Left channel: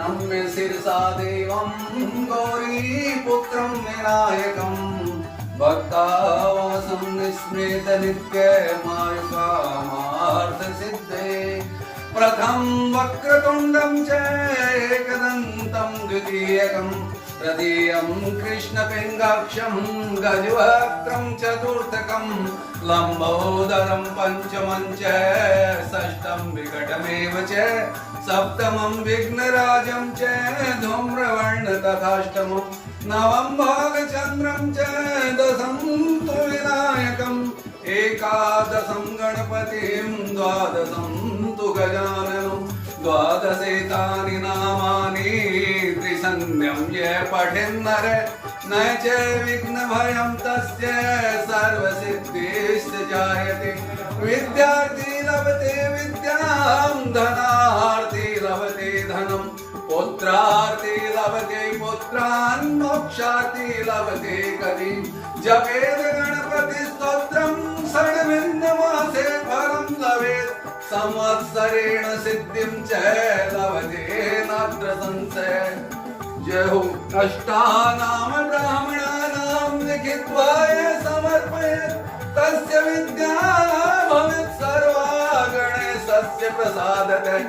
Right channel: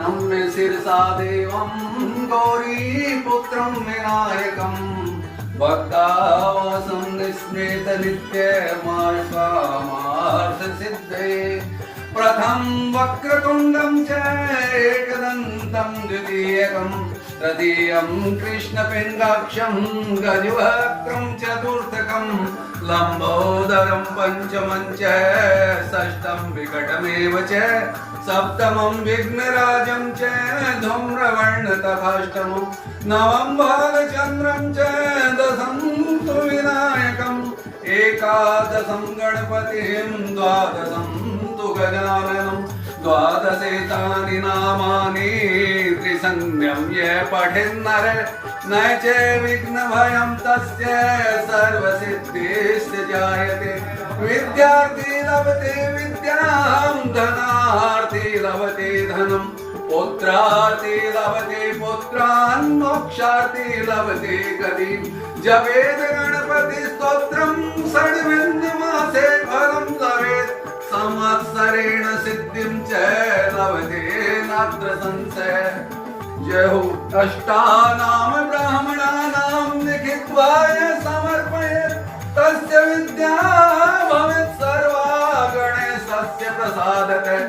नम्य शिरसा देवं गौरीपुत्रं विनायकं भक्तावासं निस्मृत नित्यमार्षसिद्धे प्रथम वक्रतुण्डं च एकदन्तं द्वितीयकं तृतीयं कृष्णपिङ्गाक्षं गजवक्त्रं चतुर्थकं लम्बोदरं पञ्चमं च षष्ठं विकटमेव च सप्तमं विघ्नराजं च धूम्रवर्ण तथाष्टमं नवं भालचन्द्रं च दशं तु विनायकम् एकादशं गणपतिं द्वादशं तु गजाननं द्वादशेतानि नामानि त्रिसंज्ञं ये पठेन्नर न च विघ्नभयं तस्य सर्वसिद्धिश्च जायते विद्यार्थी लभते विद्यां धनार्थी लभते धनं पुत्रार्थी लभते पुत्रान् मोक्षार्थी लभते गतिं जपेत गणपति स्तोत्रं षड्विंशमासे फलं लभेत् संवत्सरेण सिद्धिं च लभते नात्र संशय जय हो अष्टानाम ब्राह्मणानां लिखित्वा समर्पयेत् तस्य विद्या भवेत् सर्वा गणेशस्य प्रसादतः।